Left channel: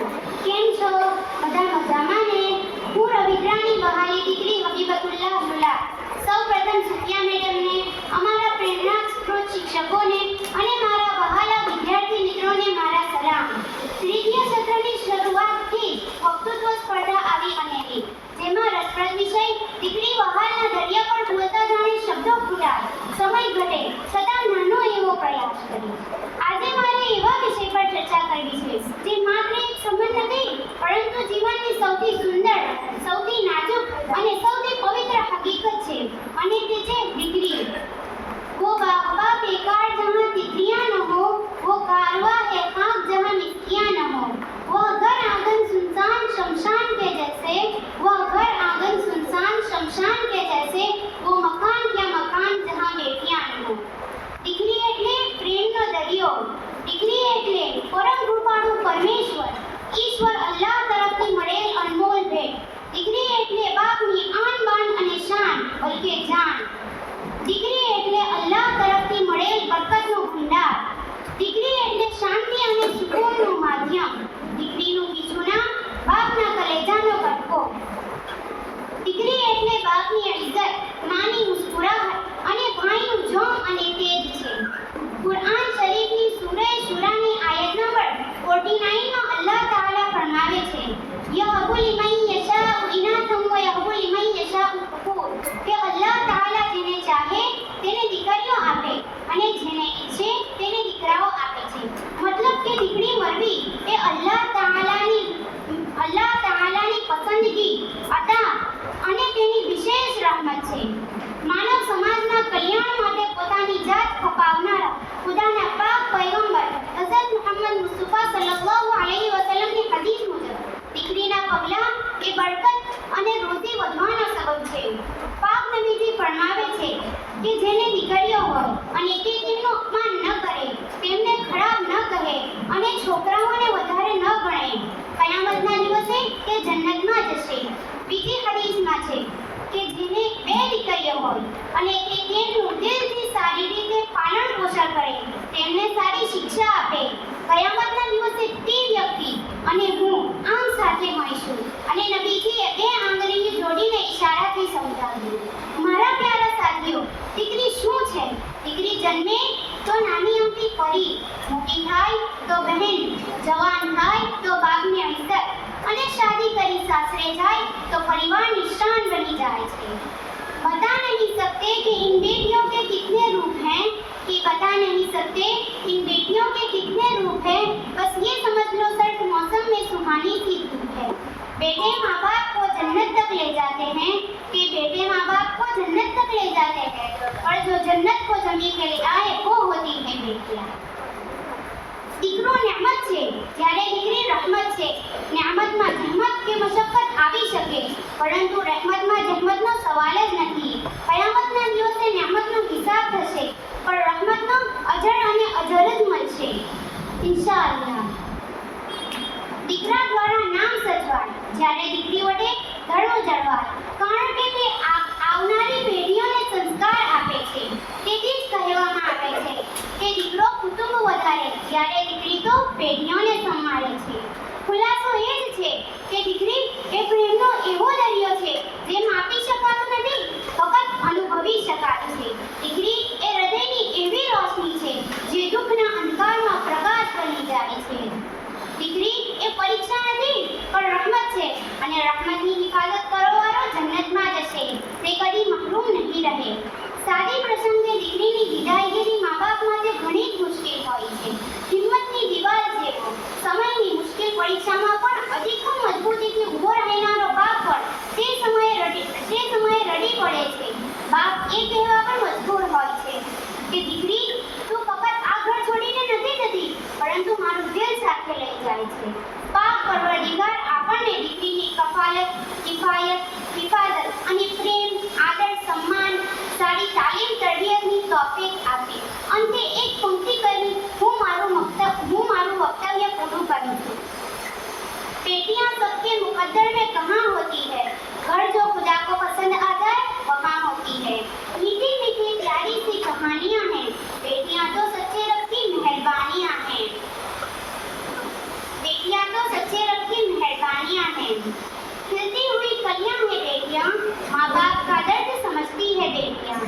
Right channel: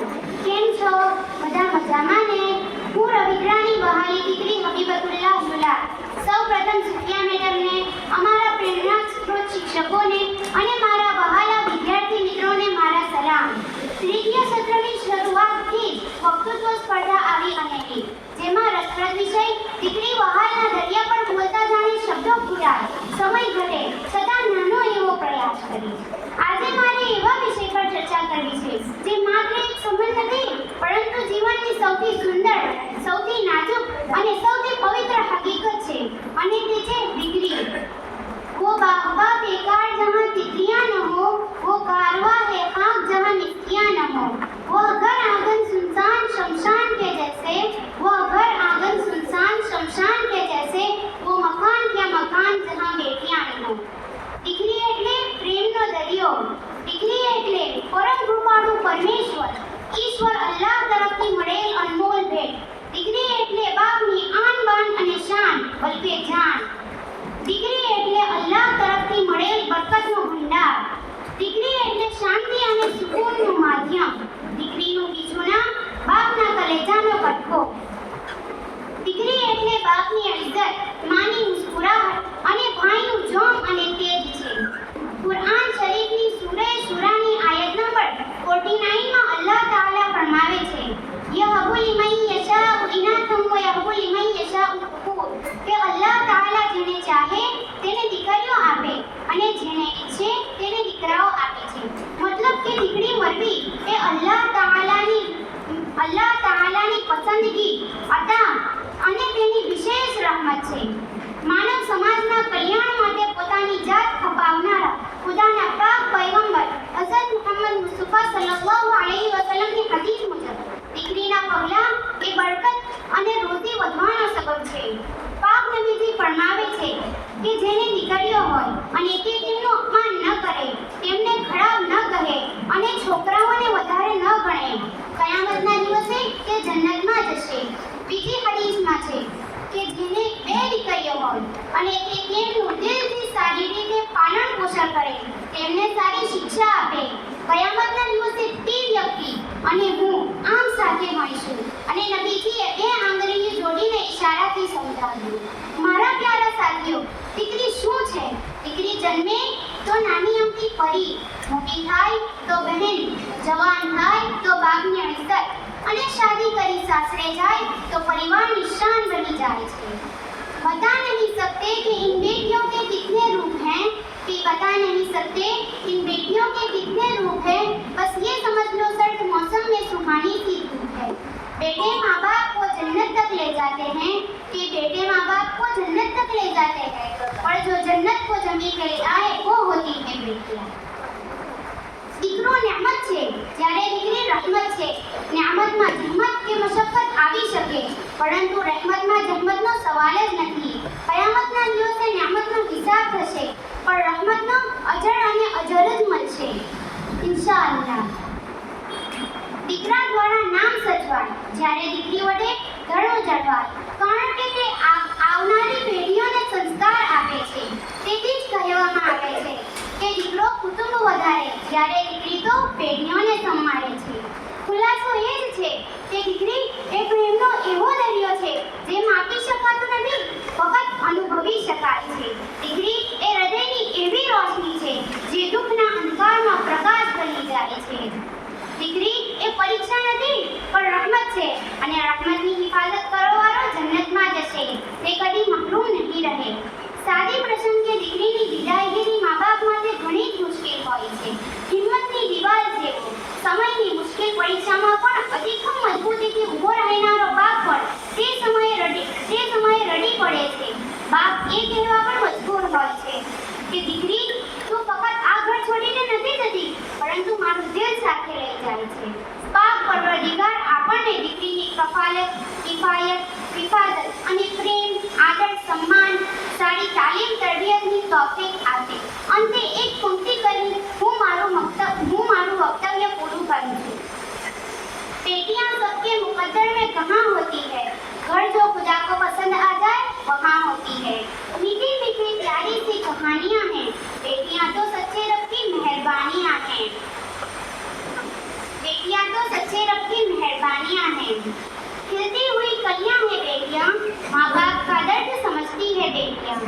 કેમ છો? બધા મજામાં ને? હું રવિન્દ્રાની વહાલી દીકરી હબીબતુલ્લાહ લુલા સૌપ્રથમ સુફિયા મેડમને, અમારા પ્રેરણાસ્ત્રોત શિક્ષકોને અને મારા વહાલા વિદ્યાર્થી મિત્રોને મારા સલામ. તૃતીય સત્રની શરૂઆતથી જ વક્તૃત્વ સ્પર્ધા આવી અનેરી, જેમાં રસપ્રદ વિષય દીકરી વહાલના દરિયા પર બોલતા જાણે શબ્દો ફૂટાય, સમય ઘટે છતાં નાનો એવો પ્રયાસ કરી. આજે મારે એવા વિષય પર ચર્ચા કરવી છે જે માત્ર એક સંબંધ નથી, પરંતુ જીવનની સૌથી સુંદર, સૌથી નાજુક અને સૌથી પવિત્ર હકીકત છે, અને તે છે દીકરી. वो बाबा बेकार जहाँ तितलियां न हो, वो कारवा है खाक जहाँ मिस्कियां न हो, वो घर आंगन सुनसान शमशान के जैसे, वो घर आंगन सुनसान शमशान के जैसे, वो मकान क्या मकान जहाँ बेटियां न हो. દીકરી એટલે પ્રેમનો દરિયો, દીકરી એટલે પરમ કૃપાળુ પરમેશ્વર, ઈશ્વર અલ્લાહ તરફથી મળેલ અનમોલ ભેટ. દીકરી એટલે બાપની આન બાન અને શાન, બલકે જાન. દીકરી એટલે અલ્લાહ તરફથી મળેલ બરકતનો ભંડાર. દીકરી એટલે શાંતિ અને સુકૂનનું માધ્યમ. દીકરીનું બીજું નામ બાપના કલેજાનો કટકો. દીકરી એટલે બાપની ઇજ્જત, માની મુસ્કુરાહટ અને ભાઈનું જોમ અને તેજ છે. કુરઆન શરીફની સૂરે શુરાની આયત નંબર 49 માં અલ્લાહ તાઆલા ફરમાવે છે, યહબુ લિમન યશાઉ ઇનાથમ વ યહબુ લિમન યશાઉ ذુકૂર, કે અલ્લાહ તાઆલા જેને ચાહે તેને દીકરીઓ આપે અને જેને ઈચ્છે તેને દીકરાઓ આપે છે. મતલબ કે દીકરી મળવી એ અલ્લાહ તાઆલાની પસંદગી, અતા અને તેની વિશેષ રહમત છે. માનવ સમાજના કલ્યાણ માટે પોતાની જાત ખપાવનારા ખુદાના પાક પૈગંબર હઝરત મુહમ્મદ મુસ્તફા સલ્લલ્લાહુ અલૈહિ વસલ્લમની હદીસ મુજબ દીકરીના પગલાં એ બરકત અને રોજી વધવાનો સબબ છે. પાક નબીજી ફરમાવે છે કે જેને દીકરીઓ હોય અને તે તેમનું અપમાન ન કરે, તેમને ખરાબ ન કહે અને છોકરાઓને વધારે ન ગણે, કયામતના દિવસે તે જન્નતમાં જશે. બીજી હદીસમાં છે કે જેને બે દીકરીઓ હોય અને તે તેમનું દિલથી સારી રીતે પાલન પોષણ કરે, તેમને સારી શિક્ષા આપે, કયામતના દિવસે તે વ્યક્તિ અને હું આમ સાથે હોઈશું. અને નબીજીએ બે આંગળીને જોડીને ઈશારાથી સમજાવ્યું. મારા પ્યારા સાથીઓ, દીકરી શું છે? દીકરી જન્મે તો નાની અમથી પરી, મોટી થાય તો બહેન, જવાન થાય તો બાપની ઇજ્જત, અને શાદી કરી સાસરે જાય તો परिवार शान बनी जाए छे. बता नहीं सकते कि इन बेटियों के कितने रूप हैं, कि बता नहीं सकते इन बेटियों के कितने रूप हैं, बस ये समझ लो सर्द मौसम में सुहानी सी धूप है. बेटे माँ बाप को जन्नत तक ले जाते हैं, कि बेटे माँ बाप को जन्नत तक ले जाते हैं, और जो जन्नत को जमीन पे ले आए वो होती है बेटियाँ. દીકરો નેમત છે, જ્યારે દીકરી રહમત છે. નેમતમાં જહમત કે મશક્કત આવી શકે, પરંતુ રહેમતમાં જહમતનો સવાલ જ નથી. કયામતના દિવસે નેમતનો હિસાબ થશે, પણ રહમતનો અજર અને અજર જ મળશે, ઇન્શાઅલ્લાહ. દીકરા દ્વારા નામ સચવાય, જ્યારે દીકરી વડે ધર્મ જળવાય, કારણ કે તે આવનારી પેઢીઓને સંસ્કાર આપે છે. તેથી જ કહેવામાં આવે છે કે દીકરો કુટુંબ વધારે, જ્યારે દીકરી તો પેઢીઓને સંભાળે છે. ખુલાસો એ જ છે કે દીકરી એ પ્રેમનો એવો દરિયો છે જે માપી શકાતો નથી, ફક્ત અનુભવી શકાય છે. દીકરી એ હૃદયની એવી રોશની છે જે દુઃખના અંધકારમાં પ્રકાશ બની જાય છે. દીકરી એ પરીક્ષા નથી પણ રહમત છે, અને રહમતની હિફાજત કરવાવાળો જન્નતમાં જશે, તે કદી મહરૂમ નહીં રહે. સાદી પ્રસંગે દીકરીની વિદાયગીરી મા બાપ માટે ઘણી જ મુશ્કેલ હોય છે. હિંમતની દિવાલ જેવો સમયની મુશ્કેલ પરીક્ષામાં પણ અધિકમ મજબૂતીથી ઊભો રહેનારો બાપ પણ તે સમયે રડી પડે છે. બાપ એ કહેવા પણ મજબૂર હોય છે કે દીકરી તું ફક્ત આ ઘર છોડીને નથી જતી, પરંતુ મારું દિલ સાથે લઈ જાય છે. પાક પરવરદિગાર આપણને દીકરીની કફાયત, કિફાયત, હિફાજત અને પ્રેમ, આદર, સન્માન, સારી તાલીમ, તરબિયતની તૌફીક આપે. અંતે એક પંક્તિ કરી હું મારું વક્તવ્ય પૂરું કરું છું. बेटियां सबके मुकद्दर में कहाँ होती है, घर जो खुदा को पसंद आ जाए वहाँ होती है. मीठी मीठी प्यारी सी कहानियाँ हैं, बेटियां तो सच्चे रब की मेहरबानियाँ हैं. बेटियां तो सच्चे रब हैं। खिलती हुई कलियां हैं बेटियां, माँ बाप का दर्द समझती है बेटियां।